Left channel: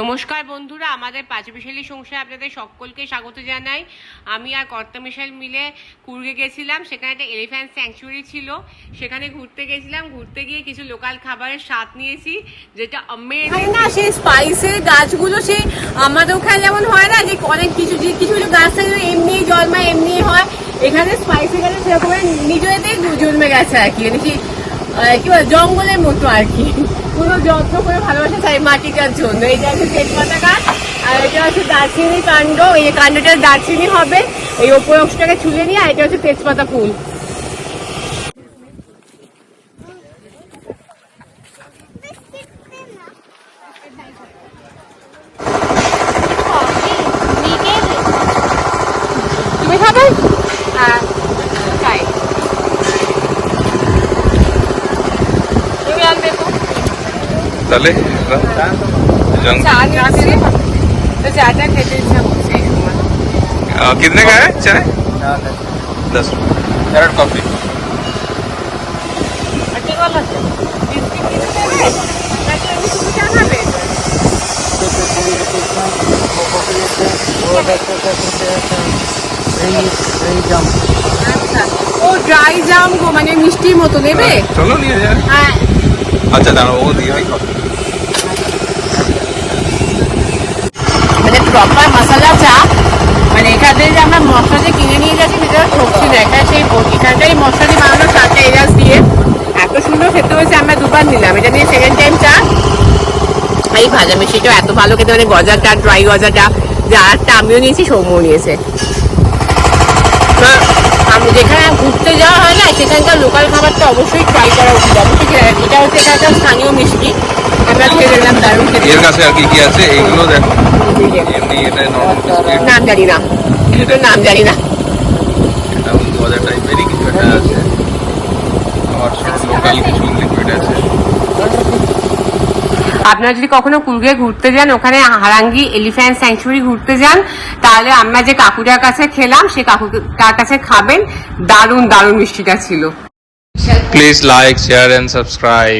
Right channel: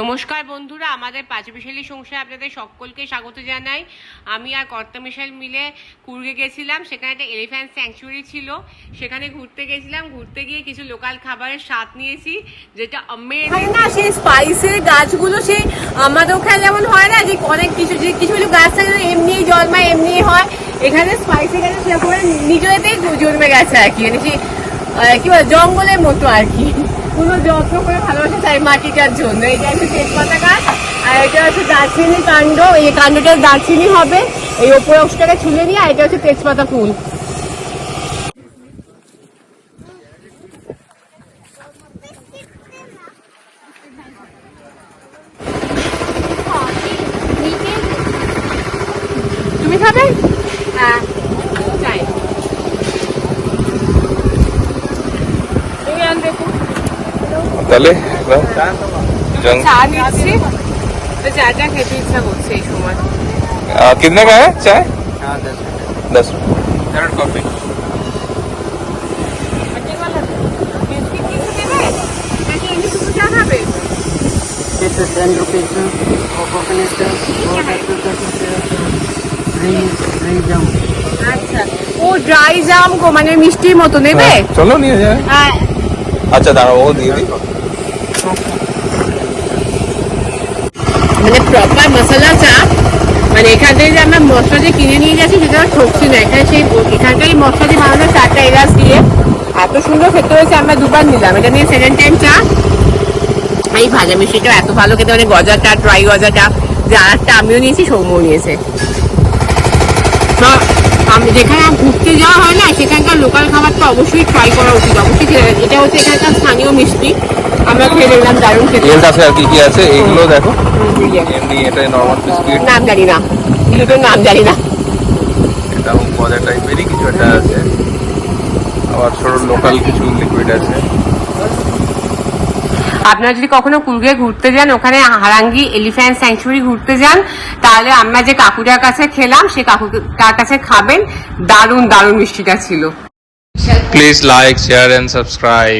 নমস্কার বন্ধুরা, আমাদের পাঁচবিশালী সংসারে আপনাদের সকলকে স্বাগত জানাই। আমি আর কর্তা মিশাল মিলে কুর্গে গেছিলাম। সেখানে একটা এলিফ্যান্ট স্যাংচুয়ারি ছিল, সেখানে ঘুরতে গেছিলাম। ঘুরতে গিয়ে কিছু লোকাল খাবারের স্বাদ নিয়েছি, যেটা আমেজিং। না, সেই স্পাইসের গাছগুলো সেই আমাদের ওখানে যেমন হয় না, যে অনেক কিছু কিছু গাছ থাকে এমনি জন্মায়, এমনি হয়। এখানে স্পাইসের গাছ সেরকম নিজেতেই জন্মে গেছে আর কি, মানে কি বলে জঙ্গলের মতো আর কি। কোনো যত্ন করে ভালোবাসা চাই মাটিটার জন্য। এইটা হচ্ছে তেজপাতা গাছ, আর এটা হচ্ছে দারচিনি কাণ্ড। এই যে কাণ্ডটা দারচিনি হবে, এই ওপর অংশটাকে ছুলে নিয়ে, আর এটা হচ্ছে তেজপাতা ফুল। তুমি খাবে? হ্যাঁ, তাই তাহলে চা নিচ্ছি, চাটা খেতে ইচ্ছা করছে এই সময়। कितने का है चाय? 10 कैरेट कॉफी। আচ্ছা, ও ড্রাই জাম গো, মানে মিষ্টির মতো নেবে? चलो नहीं है। হ্যাঁ, अच्छा दाঁড়াও, वो দিয়ে দিই। মানে প্রপার মশলা চা। মানে এখান থেকে যে আমরা মশলা যে কিনে নিয়ে যাচ্ছি, সেটা ঠকছি না। এখানে সেই এখানকার মশলা দিয়ে বানানো চাটা এলাচ দিয়ে এত সুন্দর খেতে হয়েছে। আমরা দুবার নিলাম, এটা নিয়ে সেকেন্ড টাইম চা। এই ভাজা মিষ্টিটাও এত ভালো খেতে, মানে গজাটা, ড্রাই গজাটা। যে আরেকটা আমিও নিয়েছি, সৌম্যও নিয়েছে। আমি যেখানে ঘুরতে যাওয়া হয় না, সেখানকার লোকাল খাবারটা অবশ্যই ট্রাই করা উচিত। অবশ্যই এটা হচ্ছে এখানকার স্থানীয় মিষ্টি, আমরা খেয়ে দেখলাম, দারুণ খেতে। এর কাছে আর কি কি আছে এইগুলো দেখো। এটা নরমাল বিস্কিট, নাম জানি না, এটার নাম জানি না। এটাও গজা টাইপেরই কিছু একটা আছে। আবার ছোট লোকাল কিছু লিকুইড আছে। আপনারা যদি কখনো কুর্গে ঘুরতে যান, ওখানে হারাঙ্গি এলিফ্যান্ট স্যাংচুয়ারি ঘুরতে যান, তাহলে আমরা যে কাকুটার কাছে খেলাম, সে কাকুটার কাছে খাবেন। দারুণ দারুণ মিষ্টিটা ছিল। Please like, share and subscribe.